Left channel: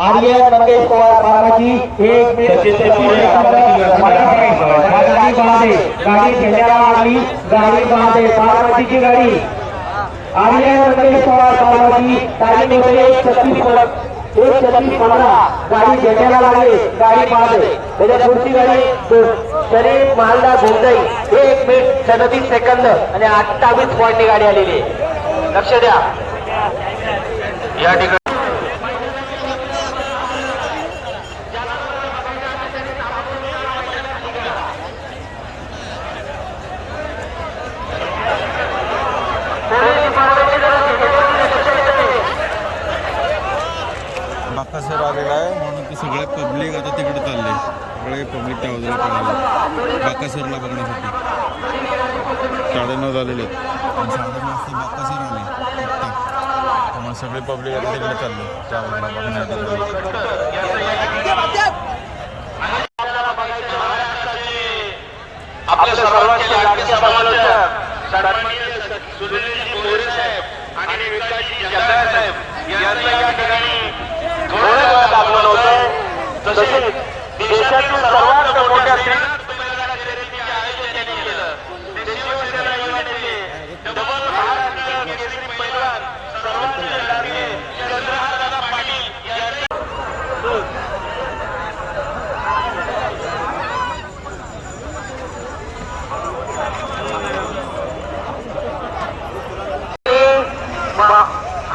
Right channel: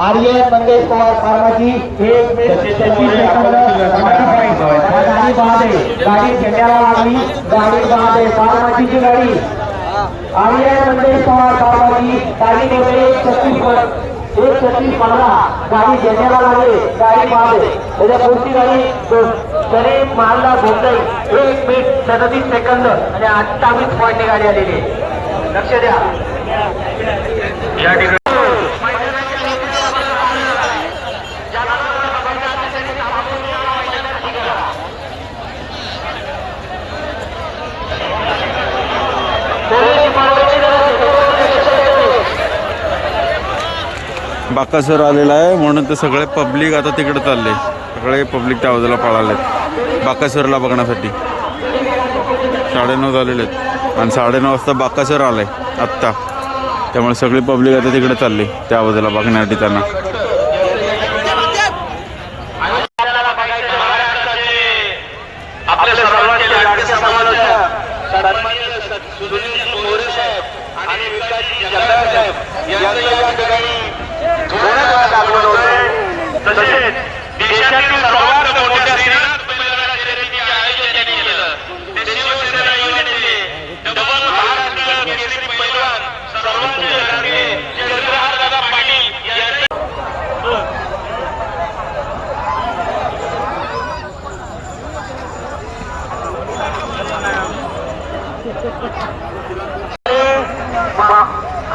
आर्यन मंगेश पवार फार्माची गाडी बांधे गाडी झेंड्याला लागली गाडी बांधे फार्माचीची गाडी आर्यन मंगेश पवार फार्माची गाडी होते 1:36:15 गाडी झेंड्याला लागली गाडी बांधे त्याच्या पुढची गाडी शरीफ महालला भेटताई 1 मिनिट 37 सेकंद आणि 28 पॉईंटने गाडी आलेली आहे. लक्ष द्या या ठिकाणी बाकासर आलेला आहे म्हणून ते सगळे पब्लिक आता तिकडे चालले. सगळे पब्लिक त्या बाजूला पळालेत बाकासरला बघण्यासाठी. 9:30 झालेले आहेत आणि 9:30 वाजता बाकासर आलाय आत्ता. त्यामुळे सगळी पब्लिक आता तिकडे चालली त्या बाजूला बघण्यासाठी त्यांना. देशातील सर्वात मोठ्या श्रीनाथ बैलगाडा शर्यतीचे आयोजन त्यांनी केलं. ते शिवसेना युवनेते डबल महाराष्ट्र केसरी पैलवान सर्वांचे लाडके चंद्रहारदादा पाटील यांनी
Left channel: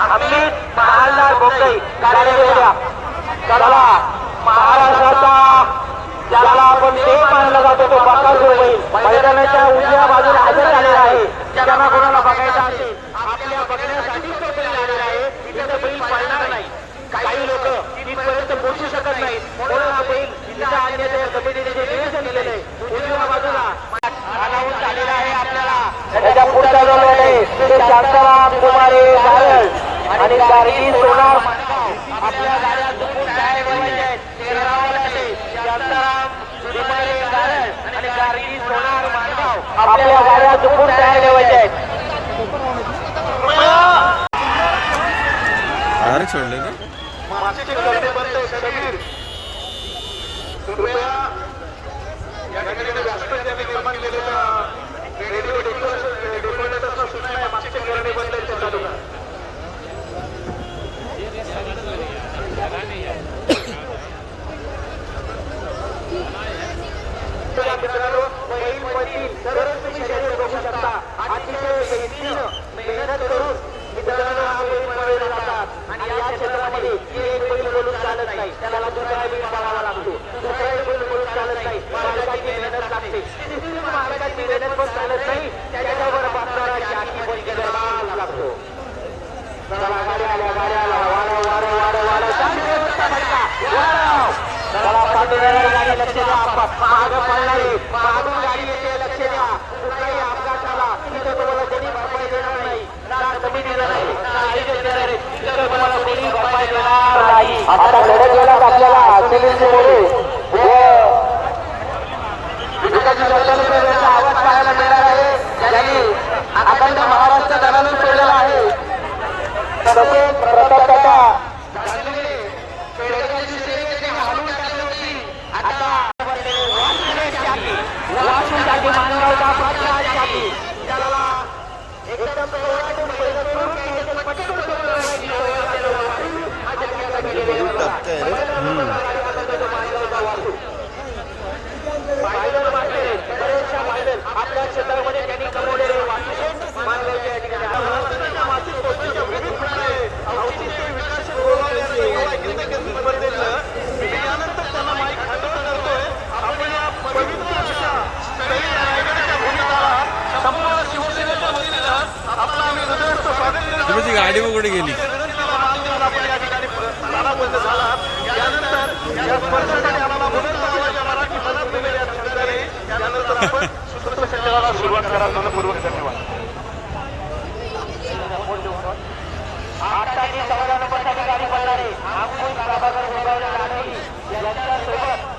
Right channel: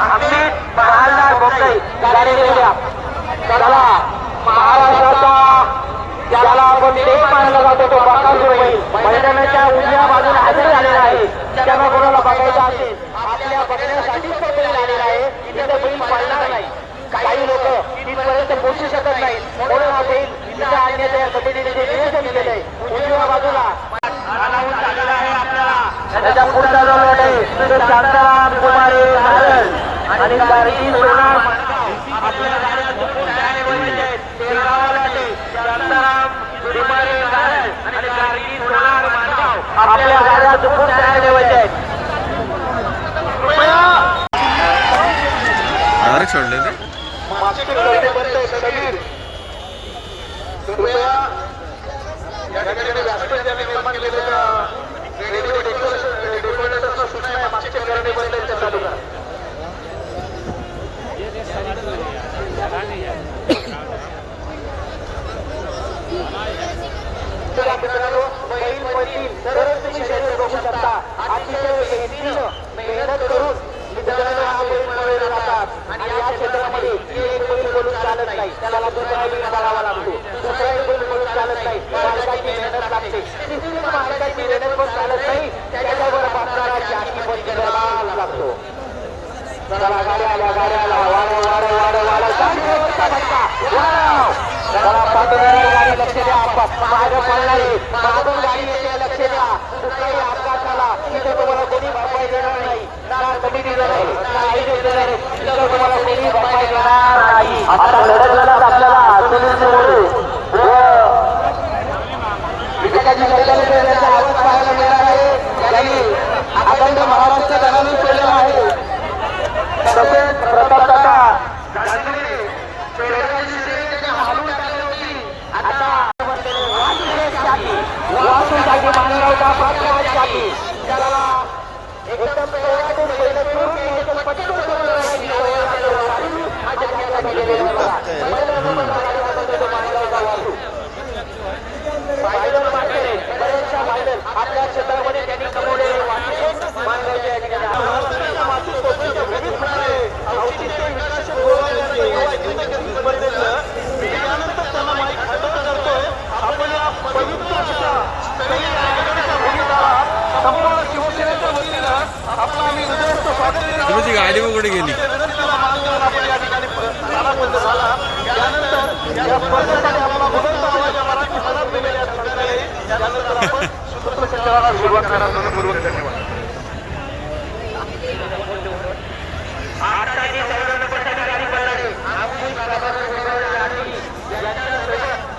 अमित महालला बोगई गाडी गेल्या चला महाराष्ट्राचा ज्याला आपण देव मानला जातो तो बाकासुर मैदानाच्या उजव्या बाजूला हजर झालेला आहे. ज्यांना कोणाला बघायचं असेल आपल्या बघण्यासाठी तो बैल आलेला आहे. इथे तो बैल पाळणार नाही. काही लोक तिथपर्यंत पोहोचू शकत नाहीत म्हणून हा बैल इथं आणण्याचं या कमिटीने जे नियोजन केलेलं आहे उजव्या बाजूला त्याच्या पुढचा जो लढ आहे तो शांताराम पुजारी दादर आणि कारगिल सोनार आपल्या गाड्या चुकून काय बोलायचे आहेत शांताराम पुजारी दादर आणि कारगिल सोनार आपल्या गाड्या चुकून काय बोलायचे आहेत. डायरेक्ट सोडले ना मागचे करते बंद आहे समीर कृपया या ठिकाणी व्यासपीठ ज्यांनी निर्माण केलेल्या रेडिओ डेकोरेटर्सना सूचना आहे मागचे करणे बंद आहेत ते चालू करा. मित्रांनो बैल पळतील तरच तुम्ही शरीर बघू शकता. अतिशय मेहनतीनं मेहनत करून मित्रांनो हा बैल पळवले जातात आणि या क्षेत्रामध्ये एक बैल बोलून चालत नाही त्याला दुसरा बैल पळावा लागतो. दुसरा बैल बोलून चालत नाही मालकाची मेहनत लागते. तिसरी मालकाची मेहनत पण चालत नाही त्याच्यावर बसणारा जाकी पण गरबाल लागतो. चला गाड्या आल्या वाढ लक्ष द्या. मागं पळणारे मागून गाडी येते लक्ष द्या. कुठलाही अपघात झाला तिथे तुम्हाला कोणी भरपाई देणार नाही ना कमिटी देणार नाही ना आयोजन देणार आहे. तिथे तुम्हाला कोणी भरपाई देणार नाही. आता लढत आपल्याला आवाज पाहायला मिळणार आहे. त्यांनी अखंड महाराष्ट्र धरावून केलेला आहे. तसेच एकदम बऱ्याचशा फायनल आपल्या क्षेत्रामध्ये त्यांनी कमवलेले वाटते मानवाच्या या ठिकाणी औचित्य विकास स्पर्धेचं यानंतर त्यांना माईक हँडओव्हर करतोय. आपण या पवित्र अशा गाडी वगैरे गेली विनंतीला मान देऊन आपण या ठिकाणी स्थानाबद्ध झाला. यानंतर या स्पर्धेसाठी आपला बुलंद आवाज या मराठी मनात दिलेल्या सरकारने यानंतर आपण सूत्रसंचालनाला सुरुवात करणार. मनपूर्वक धन्यवाद. आता जी संघासाठी गाडी बनणारे आपण यांच्यासोबत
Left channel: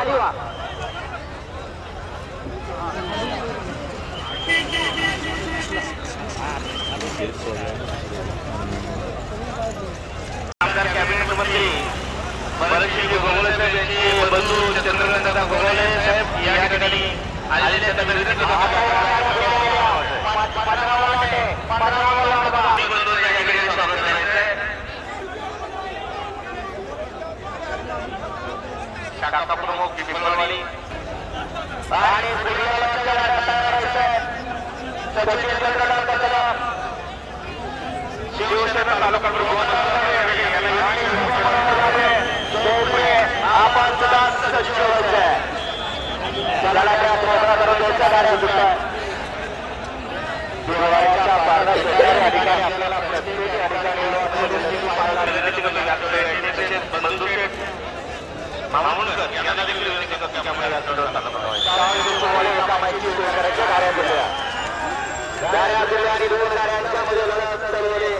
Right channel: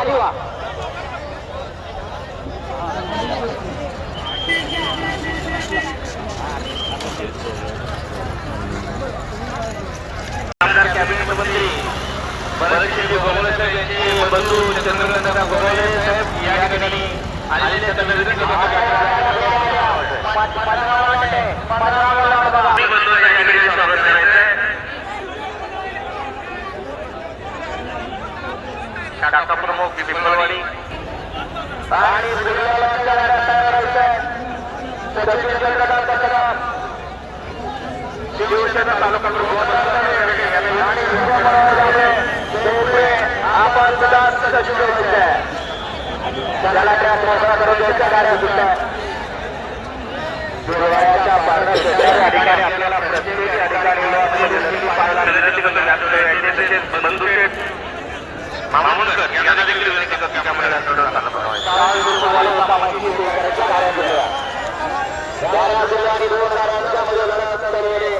खाली व्हा. कॅबिनेट मंत्री बरेचसे गोगोले साहेब यांचे बंधू चंद्रकांत गोगोले साहेब या ठिकाणी आलेले शाखा प्रमुख पिंपळवाडी आणि शिवसेना तालुका आणि दोन गाड्यांच्या मध्ये लढत चालवले.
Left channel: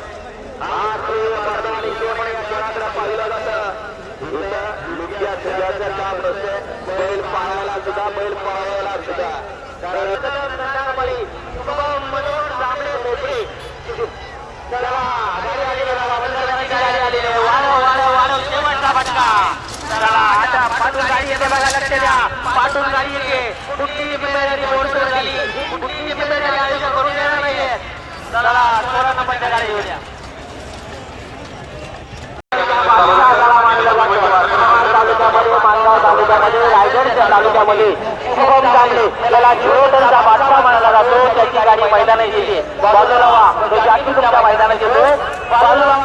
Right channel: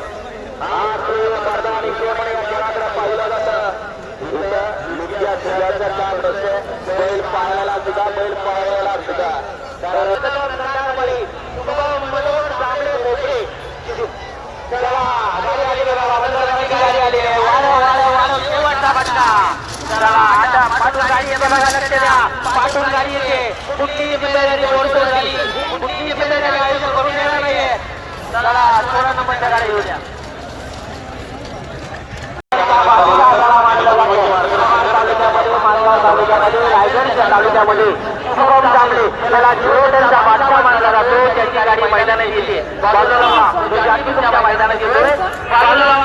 स्पर्धा आणि खेळ या खेळाकडे पाहिलं जातं. इथं लुक्या सुद्धाचं काम नसतं. बैल पाहायला सुद्धा बैल पळवायला सुद्धा मनोहर जांभळे मोकळे. चला गाडी आली बघा. गाडी आली पाठून गाडी येते. कुठली जिम्मेदारी मोडतो झाली. कुठली जिम्मेदारी आयुष्य करून देणार नाहीये. चला त्याची गाडी मैदानात येते. बाजूला व्हा. तो जाती तुमच्या मैदानात येतो. बाजूला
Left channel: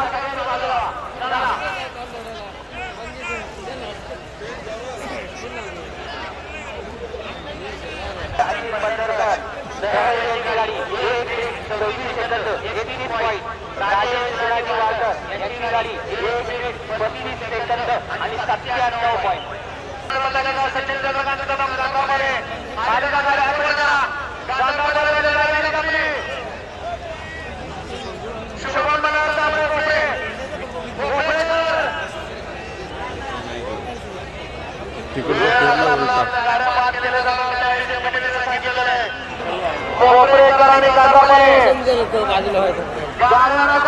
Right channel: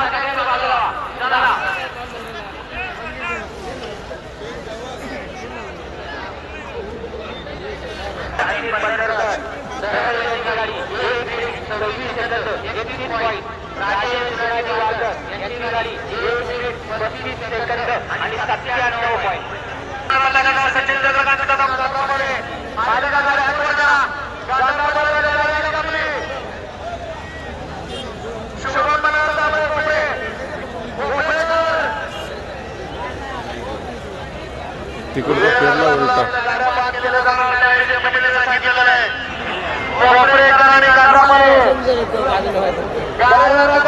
आणि 798 पॉईंट. तिकडचा फेरला उलटा.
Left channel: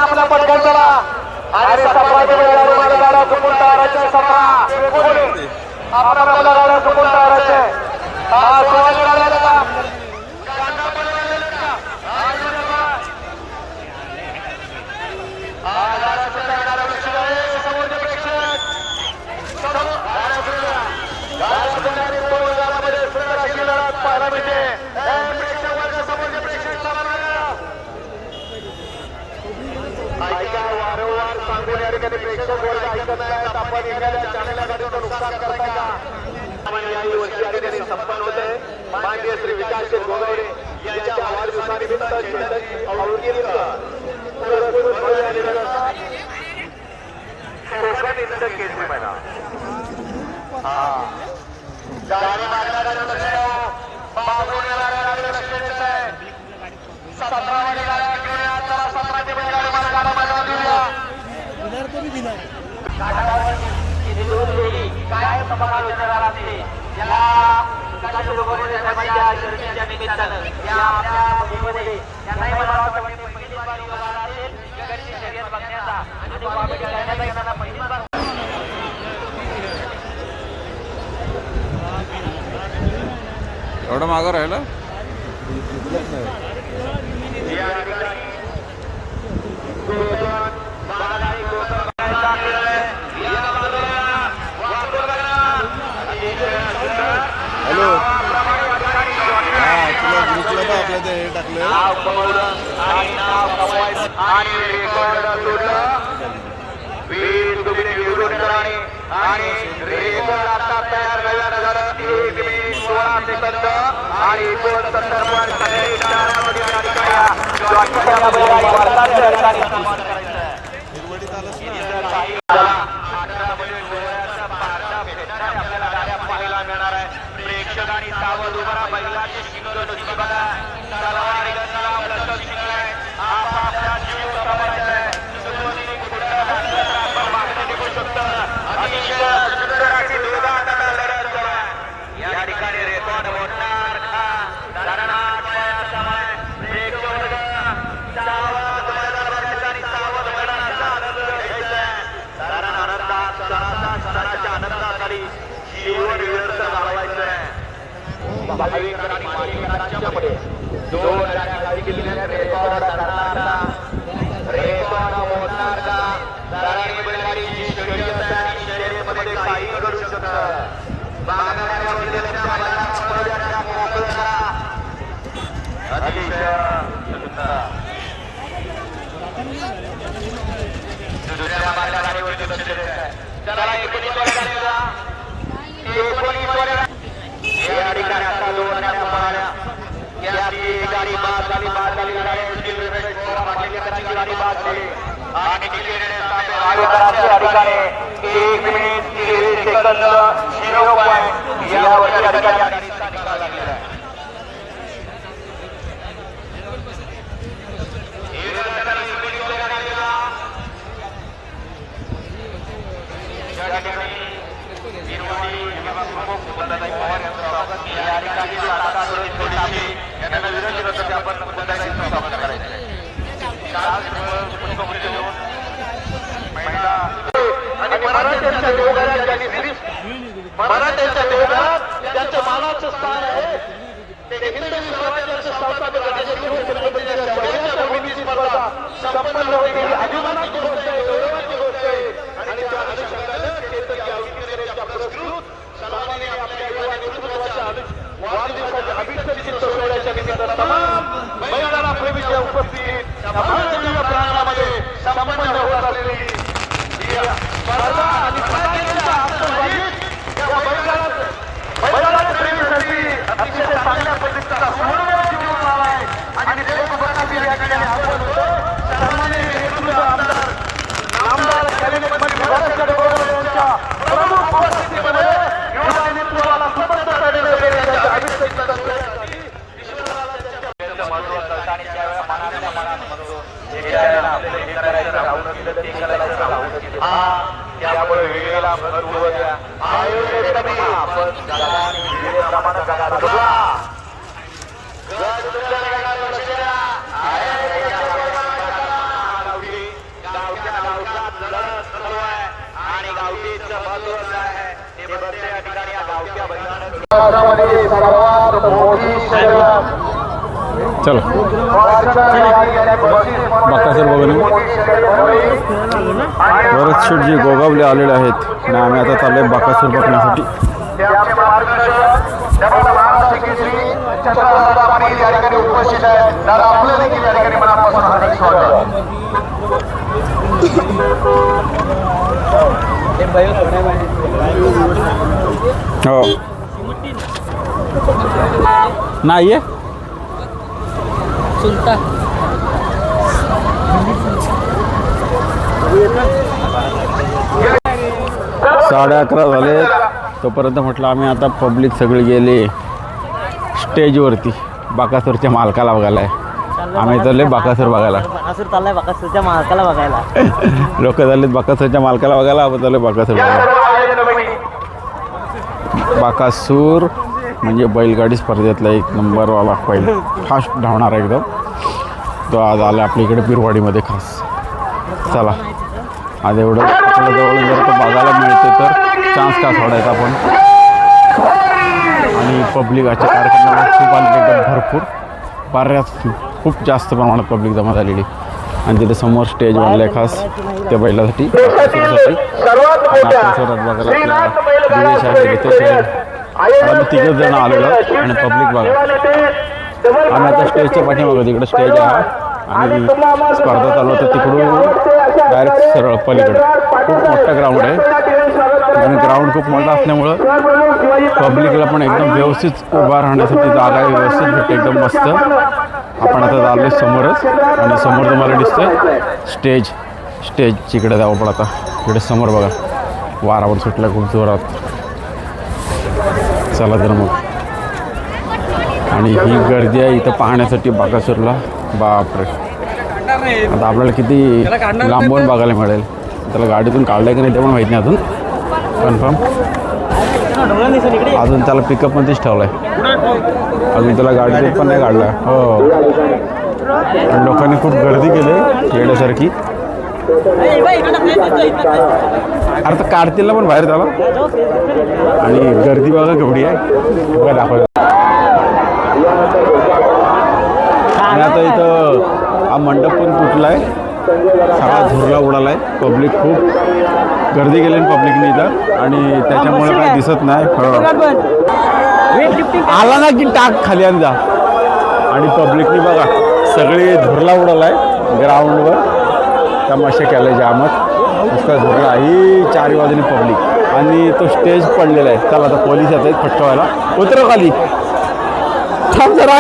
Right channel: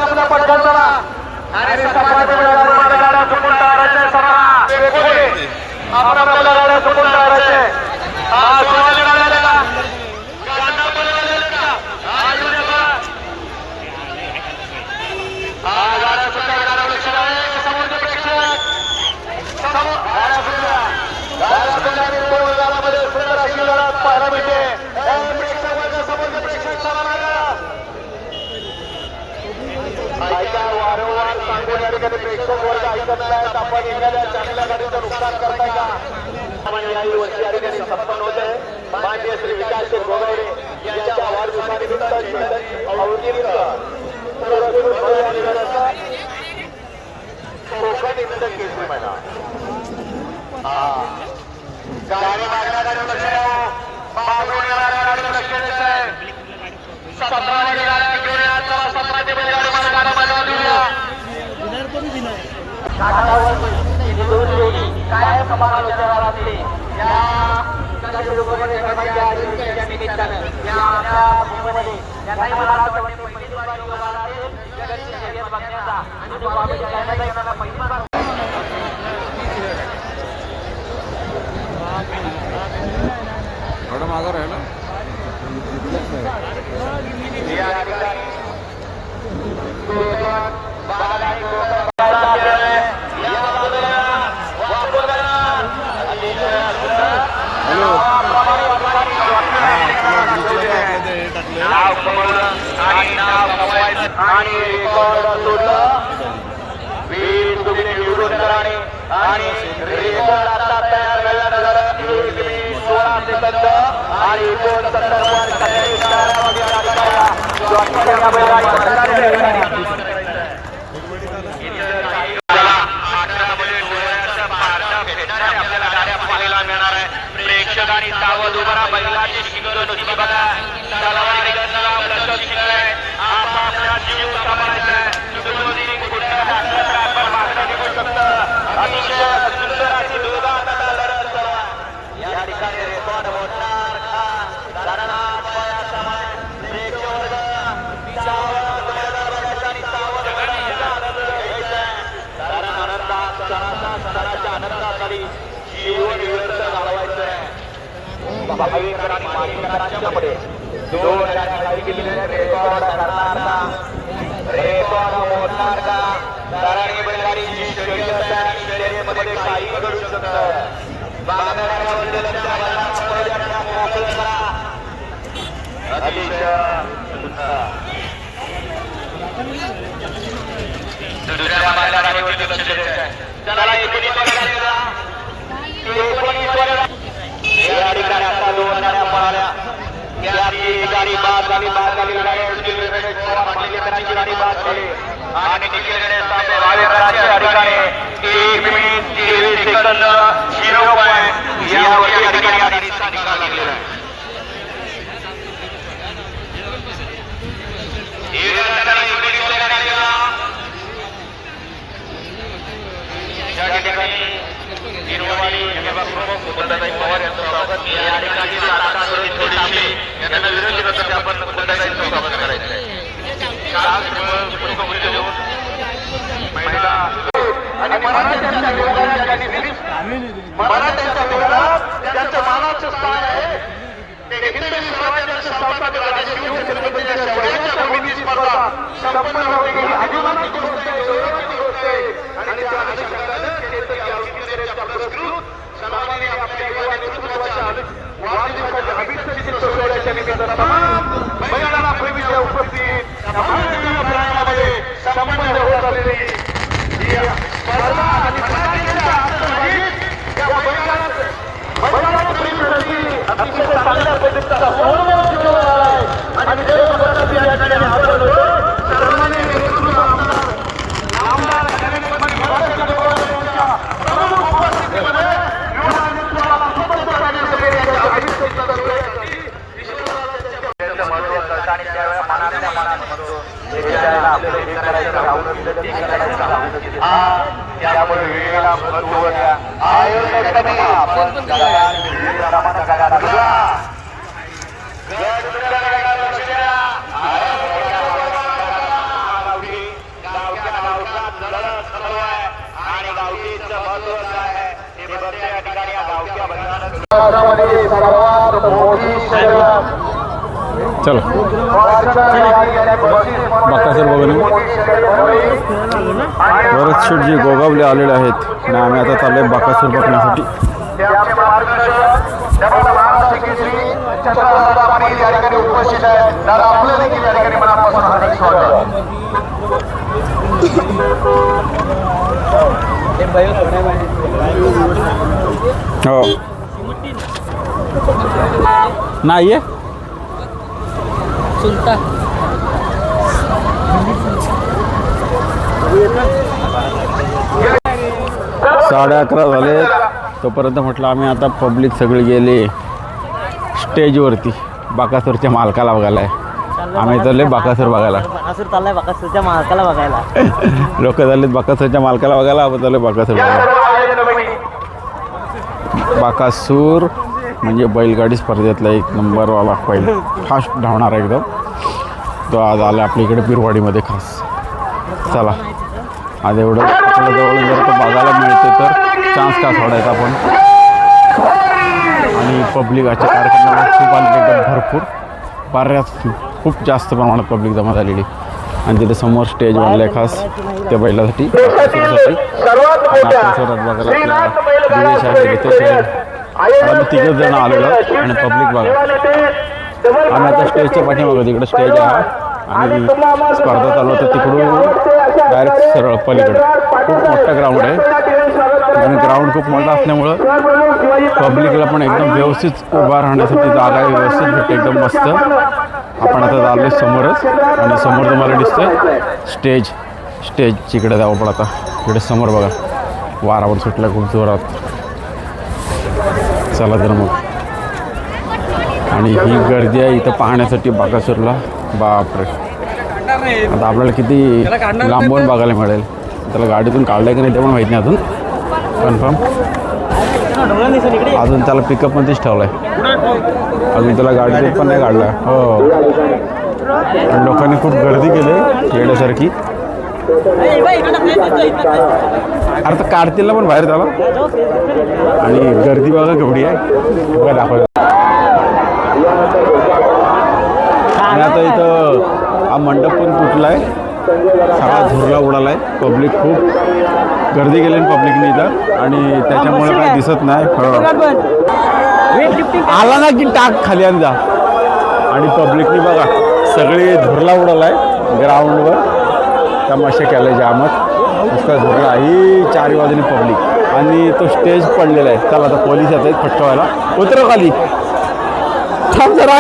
आपला पटकन करा आणि गाड्या सुटून टाकायच्या. आपल्याला गाड्या सुटून टाकायच्या. पाहायला मिळते. वारंवार सांगून या ठिकाणी प्रेक्षक वर्ग ऐकत नाहीत. आपण एखाद्या चांगल्या गाडीचं नुकसान करताय का? याही वर्षी या ठिकाणी संपन्न होत आहे. माननीय श्री विकास गोगावडे यांच्या वाढदिवसानिमित्त दोन जोडी काय समालोचनाला असते. या निमित्तानं या आपल्या भूमीमध्ये त्यांनाही मला असं वाटते पहिली बार योगाला असेल जगाची शर्यत बघण्याचा आणि बाबाजी गाण्याचा येणारा पहिली बार. एवढं मागं राहिलं या ठिकाणी आणि रेकॉर्ड आता तयार झालं. 16 सेकंद आणि 69 गाड्या पाहायला मिळणार आहे. प्रेक्षकांनी सावध उभा राहा. बैलाची शिंग नुसती बघा. अतिशय सुंदर अशी लढत गाडी जीवन व्यर्थ घालवायचं आहे. भाविक आणि मालिकांच्या मध्ये 2 गाड्या खाली गेलेल्या रेकॉर्ड करणार का, रेकॉर्ड मोडणार का? दराणी बैलगाडी जी शर्यत आहे आणि शर्यतीमध्ये काही घडू शकतं. बांगड्या वरलेल्या बैलांना मोकळं करा. अतिशय दुसऱ्या बैलांवरती लक्ष द्यायचं. चला 19 या ठिकाणी आता 2 गाड्या पळाल्या. त्याची गाडी बाद झाली गाडी गाडी बाद झाली आणि निखिलकडे भावेकरांच्या या ठिकाणी 1 मिनिट 23 सेकंद 0 पॉईंट यावरती या ठिकाणी गाडीचा निकाल लागलेला आहे. मराठ्यांच्या योगात ज्यांचं मानाचं स्थान आहे ते हिंदवी स्वराज्याचे संस्थापक कमिटी स्पर्धा संपन्न होईल. अभिमानाची गोष्ट आहे, गौरवाची गोष्ट आहे आणि त्या अनुषंगाने केतकी अवधीकरांच्या पुरस्कृत सन्मानाने आपल्या युवा नेतृत्वाच्या वाढदिवसाच्या अभिषेक सोहळ्याच्या निमित्तानं तमाम महिलांना प्रेमीच्या उपस्थित भारतीय प्रांगणामध्ये संपन्न होत असलेली स्पर्धा आणि मराठीच्या अंतर्गत त्या बैलाच्या प्रेमीसाठी अतिशय चांगल्या पद्धतीचा सोहळा घेऊन आलाय आणि देशभरात या ठिकाणी हजर होतो. सन्माननीय नेतृत्व आमदार महाराष्ट्र यांच्या प्रमुख उपस्थितीमध्ये युवा नेतृत्वाला सबंधता देण्यात येण्याच्या अभिषेक सोहळ्यासाठी आणि त्यावेळेला मनातल्या मनात म्हणतो आपल्याला हे करायचं राहून ते करायचं राहून त्यामुळे वेळेला महत्व द्या. आपण प्रमाण करायला आणि गावकीचं महत्व काय आहे हे बघते या ठिकाणी या गावच्या बैलांमध्ये सर्वात मोठी शर्यत. चलो बाकासूर बघून बरेच शेटजी गोगावले आलेले आहेत आणि आम्ही आता चाललोय बाकासूर बघण्यासाठी. उपस्थित आहेत. दादा आपलं देखील या ठिकाणी मनापासून हार्दिक स्वागत. हो नाही आहे सुलता 11:30 झाले. तोपर्यंत म्हटलं आम्ही आता पब्लिक सगळी गेले स्टेजवरती बाकासूरच्या मालकाला बघायला आहे. आम्ही चालले बाकासूर बघायला. बाकासूर चाललाय बाकासूरच्या मालकाला बघायला. लोक चाललेत बाकासूरच्या मालकाला बघायला. आपण चालले बाकासूर बघायला. बाकासूर म्हणजे बैलगाडी स्पर्धेतला 1 नंबरवाला पहिला फास्ट धावणार एकदम तो आज आला आपल्या इकडे पिरवाडीमध्ये खास. चला आज एवढं आपल्या जवळून जर तो बघायला मिळते तर चान्स का सोडायचा आपण. आणि पब्लिक आजच्या कार्यक्रमाला खूप आलेली एकदम भरपूर बऱ्याच खूप जास्त प्रमाणात पब्लिक जमा झालेली आणि तिथे समोर स्टेज बनलं आहे खास त्या बैलासाठी बाकासूरसाठी. आपल्यासोबत बघायला आपल्या दिवेश आहे रितेश आहे आम्ही 3 जण आलेलो आणि पब्लिक बघा. आम्ही आता स्टेजच्या पाठीमागं तिकडे स्टेज आहे आणि स्पर्धा चालू होतं तिकडून डायरेक्ट सरळ पलीकडे खूप मोठा ग्राउंड आहे आणि ग्राउंड खूप मोठा असल्यामुळं पब्लिकला पण एकदम व्यवस्थित उभा राहण्यासाठी जागा आहे व्यवस्थित भेटते एकदम मस्त. आपण आता चाललो समोरच आणि समोर तुम्हाला दिसतंय स्टेजच्या इकडे जावं पण आता इकडे समोर बघा वारावर सुटला खूप जोरात. चला तर मग आणि ही गर्दी आहे इथं पाहण्यासाठी बाकासूरला. बापरे आता आपल्याला किती लांबून बघायला मिळेल. त्याला गाडीतून काढलं की नाही ते पण माहीत नाही अजून कन्फर्म. अजून त्याला पिकअपमध्येच ठेवलं आहे अजून त्याला गाडीतून पण नाही काढला. हो आणि लोकांनी खूप गर्दी केली येण्यासारखी अरे तर काढतील ना पण बाहेर त्याला. आणि गर्दी बघा केवढी आहे बघा दाखव. आणि आता इथं हा मंडप पण तुटला आहे, सगळा झुरला उडाला आहे. पब्लिक खूप गर्दी केली पब्लिकने इथं आणि त्याच्यामुळे काय दिसत नाही. आला ना की टाक खाली आणि जा. आणि पब्लिकनी बघा सगळी झुरला उडाला आहे ग्राउंडवर. तमाशा केला जामच नुसता झुरला ही चारी बाजूनी पब्लिक. आणि तो स्टेज पडलेला आहे. चला आता पोलीस येत आहेत फटकावायला. उतरव खाली थांब जरा.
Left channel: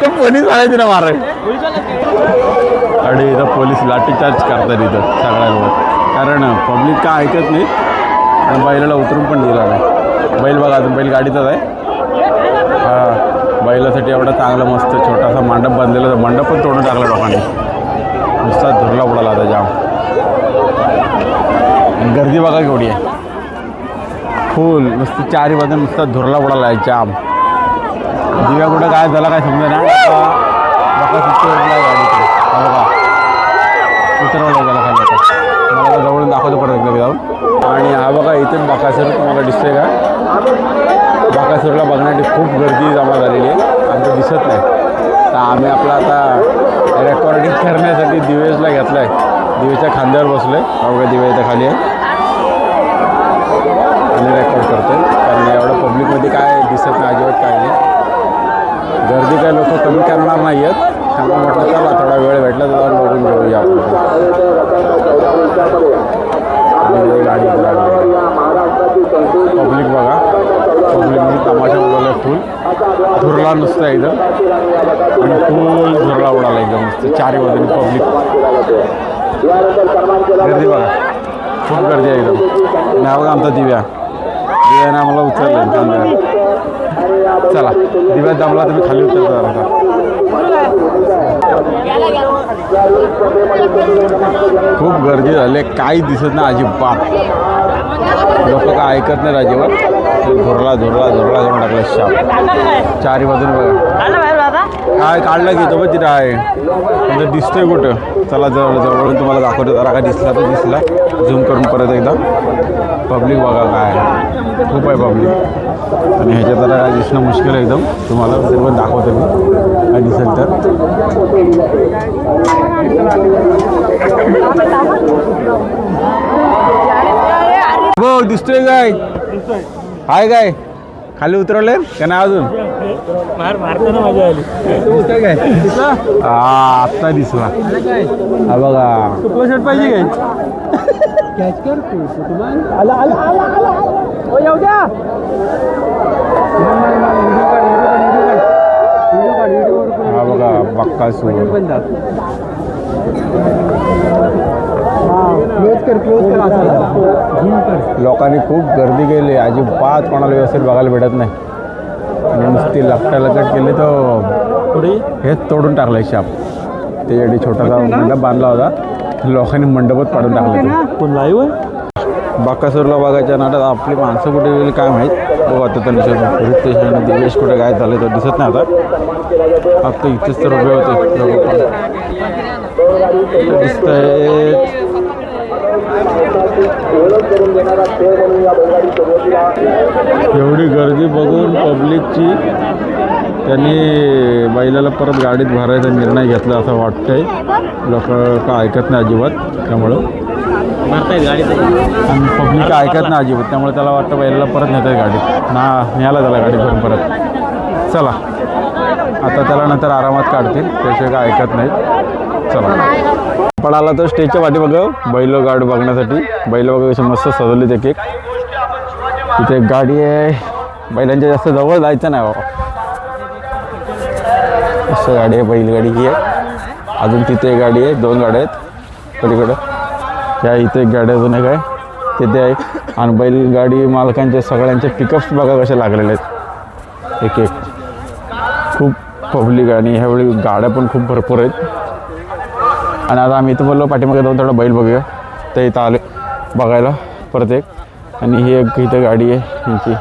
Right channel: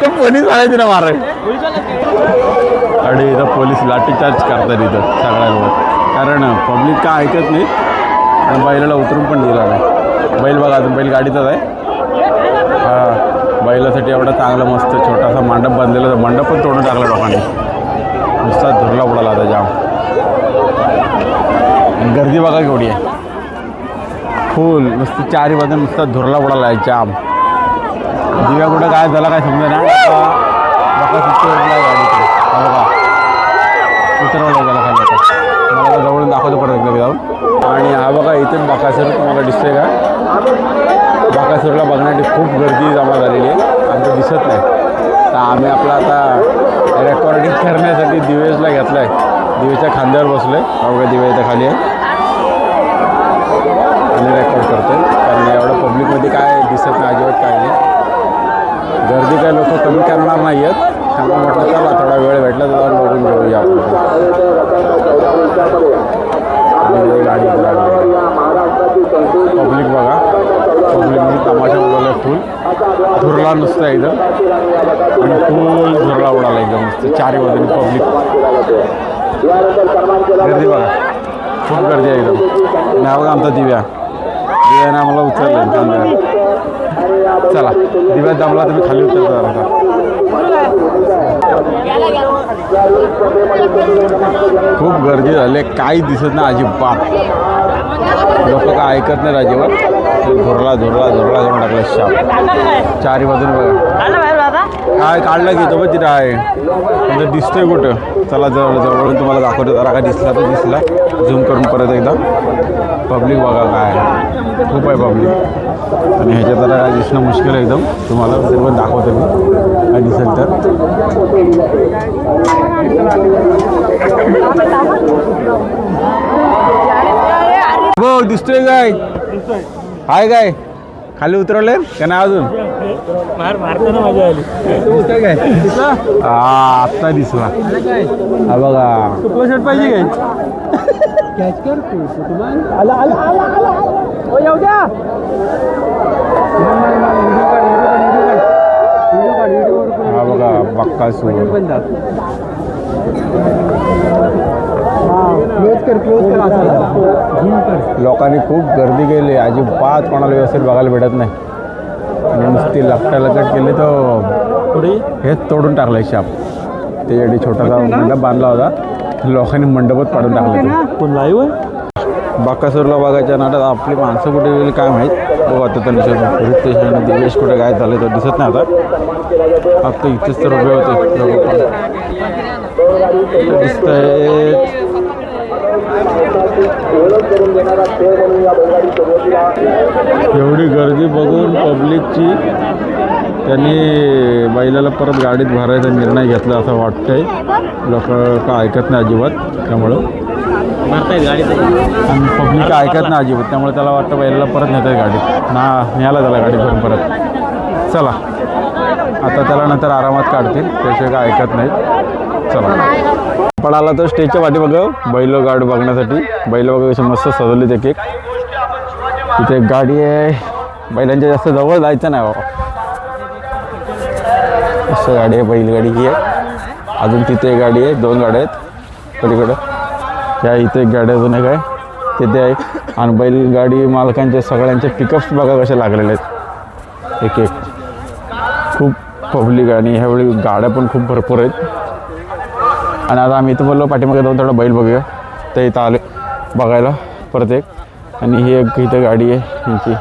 ते पोलीस आले ना माराय. आणि इथं पोलीस लाठीचार्ज करतात इथं सगळ्यांवर, कारण पब्लिक काय ऐकत नाही. आणि बैलाला उतरून पण दिला नाही. बैल बघा अजून बैल गाडीतच आहे. हा बैलासाठी एवढा चांगला मस्त छोटासा मंडप बांधलेला, मंडप पण तोडून टाकला लोकांनी. नुसता धुरला उडाला आता जाम. आणि गर्दी बघा केवढी आहे, फुल नुसतं चारी बाजून नुसता धुरला उडाला आहे जाम. दिव्या कुठं काय झाला काय समजा ना. बघा उतरवला गाडीकडे बघा उतरवला गेला खाली. मला जवळून दाखवतो परत एकदा जाऊन. आणि हा बघा इथून बकासूर तुम्हाला दिसतोय का. बकासूरला बघण्यासाठी खूप गर्दी जमा झालेली आहे, आमचं दिसत नाही. तर आम्ही आपला आता रेकॉर्डिंग करण्यासाठी दिवेशला घेतला आहे. दिवेशच्या खांद्यावर बसलो आहे. बघा दिवे इथं खाली आहे आणि रेकॉर्ड करतो आहे, कारण एवढं पब्लिकमध्ये काय दिसत नाही अजिबात काय नाही. गर्दी काय लोक कमी करणार नाही आहेत. त्यामुळे म्हटलं चला थोडा वेळ भेटला तर जाऊन बघून घेऊया आपण. गाडी पब्लिक बघा, पब्लिकने तमाशा उडवला फुल. धुरला नुसतं एकदम आणि फुल धुरला उडाला एकदम नुसतं चारी बाजूने पब्लिक. गर्दी बघा खूप गर्दी आहे एकदम. नाही बघा आमचा दिव्याने आम्हाला उचललं कांद्यावर. चला दिव्यात दामला तुम्ही खाली उतरता आता. खूप गर्दी झाली, काही दिसत नाही अजिबात. लोक काय ऐकत नाही अजिबात. धुरला धुरला धुरला करून टाकला शाप चारी बाजूने बघा. काय काढला घेतो बघ तिथं आहे म्हणजे दिसतोय कुठं. चला जवळून तुम्हाला दाखवतो जरा. काय दिसला तर दिसला, झूम करून परत एकदा. पब्लिक बघा काय खूप आहे पब्लिक. आणि ह्याच्यात जरा काय दिसणं मुश्किल आहे एकदम. तुम्हाला सर्व दाखवतो मी काय दिसेल तर. हो दिसतोय काय हाय काय खाली उतरवले का नाही अजून. मारताना मजा आली. काय आत्ता दिसला हा बघा. शर्ट पाहिजे काय हा बघा बक्कासूर. लोकांनी खूप गर्दी केली, अजिबात कोणाला व्यवस्थित बघायला भेटत नाही. आणि नुसती लकट केली तर हेच तोडून टाकलं शाप. त्याच्यासाठी छोटासा मंडप बांधला होता, लोकांनी मंडपच पाडून टाकलं. बकासूरला बघायच्या नाटात आपली माणसं कुठे गेली काय माहीत. बघू आता त्यांनी पोलीस स्टेशन दिवेश कुठे काय झालं तर दिसत नाही आता. आता इथेच तर उभे होते दिसतंय. एवढी गर्दी बघून पब्लिकची त्यांनी बैलाला परत गाडीत भरायचा निर्णय घेतला असं वाटतंय. लोक का ऐकत नाही अजिबात, त्यामुळं गाडी आणि पब्लिक ऐकत नाही अजिबात. त्यामुळे त्याला वाटतं बैलाला परत नेत आहे गाडीत न्यायला त्याला गाडीत भरून परत. चला आता त्याला नंतर आरामात काढतील, त्याशिवाय काय ऐकत नाहीत. चला पडाला तर स्टेजच्या पाठी बघा बैल गाडी बघण्यासाठी. बैल बघा कशी मस्त सजवली ते केक. इथे एक गाडी आहे, बैलांच्या जास्त जवळ जायचं नाही बाबा. असं गाडी आहे, बैलगाडी ही आहे. अजून तिथे एक गाडी आहे, 2 गाड्या आहेत पलीकडं. ह्या इथे एक गाडी अजून एक आहे तिथे आहे. आणि बैलगाडी मालकांचे सगळ्यांचे पिकअप्स बघा कसे लागलेले आहेत एक एक. खूप पब्लिक आणि ह्यावेळी गाड्या पण खूप भरपूर आहेत. आणि आता आम्ही इथं बोललो पाठीमागे जाऊन थोडं बैल बघूया. तर इथं आले बघायला परत एक. आणि ही एक इथं गाडी आहे यांची,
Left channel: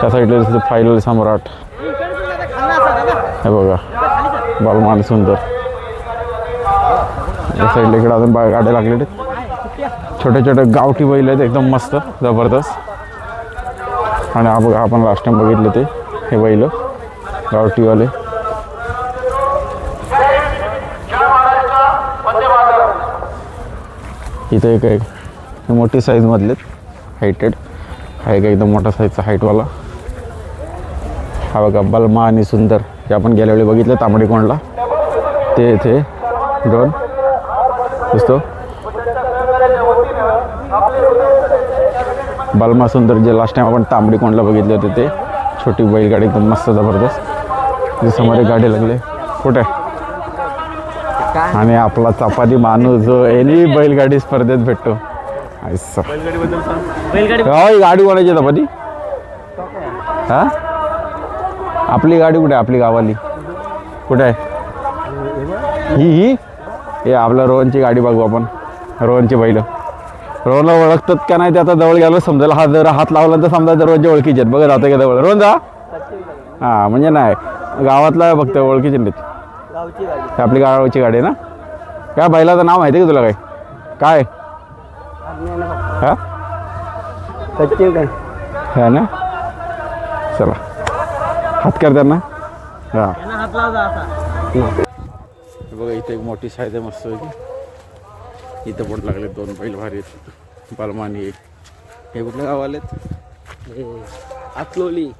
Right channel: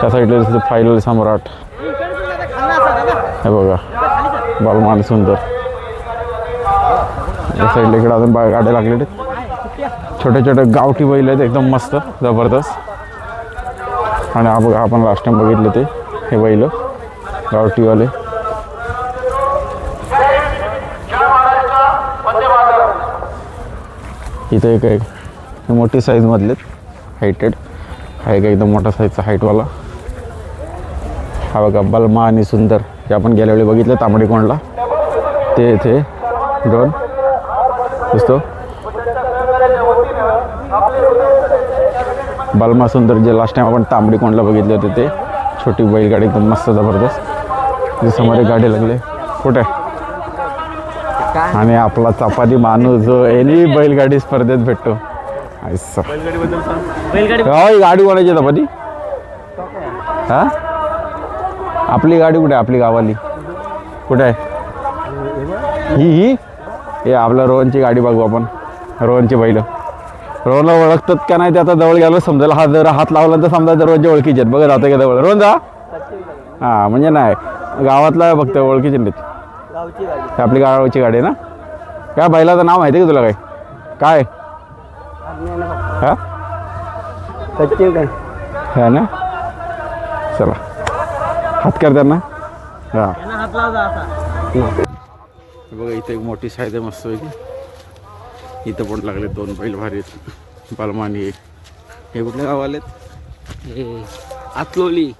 त्या साईडला दिसतं फायनल सम्राट. हे बघा बालमान सुंदर या साईडला इकडे अजून गाड्या लागलेले आहेत. छोटे छोटे गावठी बैल आहेत एकदम मस्त जबरदस्त. आणि आपण लास्ट टाइम बघितले ते हे बैल गावठीवाले. इथं एक हे मोठी साईजमधलेत हायटेड. हा एक एकदम मोठा साईजचा हाईटवाला. हा बघा बलमा आणि सुंदर जे आपण गेल्या वेळी बघितलं तांबडीकोंडला ते इथे दोन दिसतो. बलमा सुंदर जे लास्ट टाइम आपण तांबडीकोंडला बघितले होते ते छोटी बैलगाडी एकदम मस्त जबरदस्त. समोर एक गाडी लागले कुठे. आणि आपला चपाती माणूस जो एनी बैलगाडी स्पर्धेत भेटतो. ऐसा बैलगाडी गाडी कोणाची चपाती हा आपली गाडी कुठे आपली गावाली कुठे आहे ही हे आपल्या रोहनची गाडी बघू आपण. रोहनची बैल रोहनला ओळखतात का नाही ते आता जवळ गेलं समजेल. हा जर हात लावला तर समजा रोहनच्या ओळखीचे आहेत बघा जातं का जवळ रोहन जा. हां म्हणजे नाही गावातला फक्त ओळखीचे नाहीत. आपली गावाची गाडी आहे ना. काय बैलाचं नाव माहिती आहे का तुला काय हां हा ना. चला हात कर त्यांना. हां हात लावला असा. बघा इथे एक मोठी साईज आहे मस्त पैकी. इथं पण लागले दोन बैल भारी आहेत. बलमा आणि हे कुठल्या गावाले आतलोली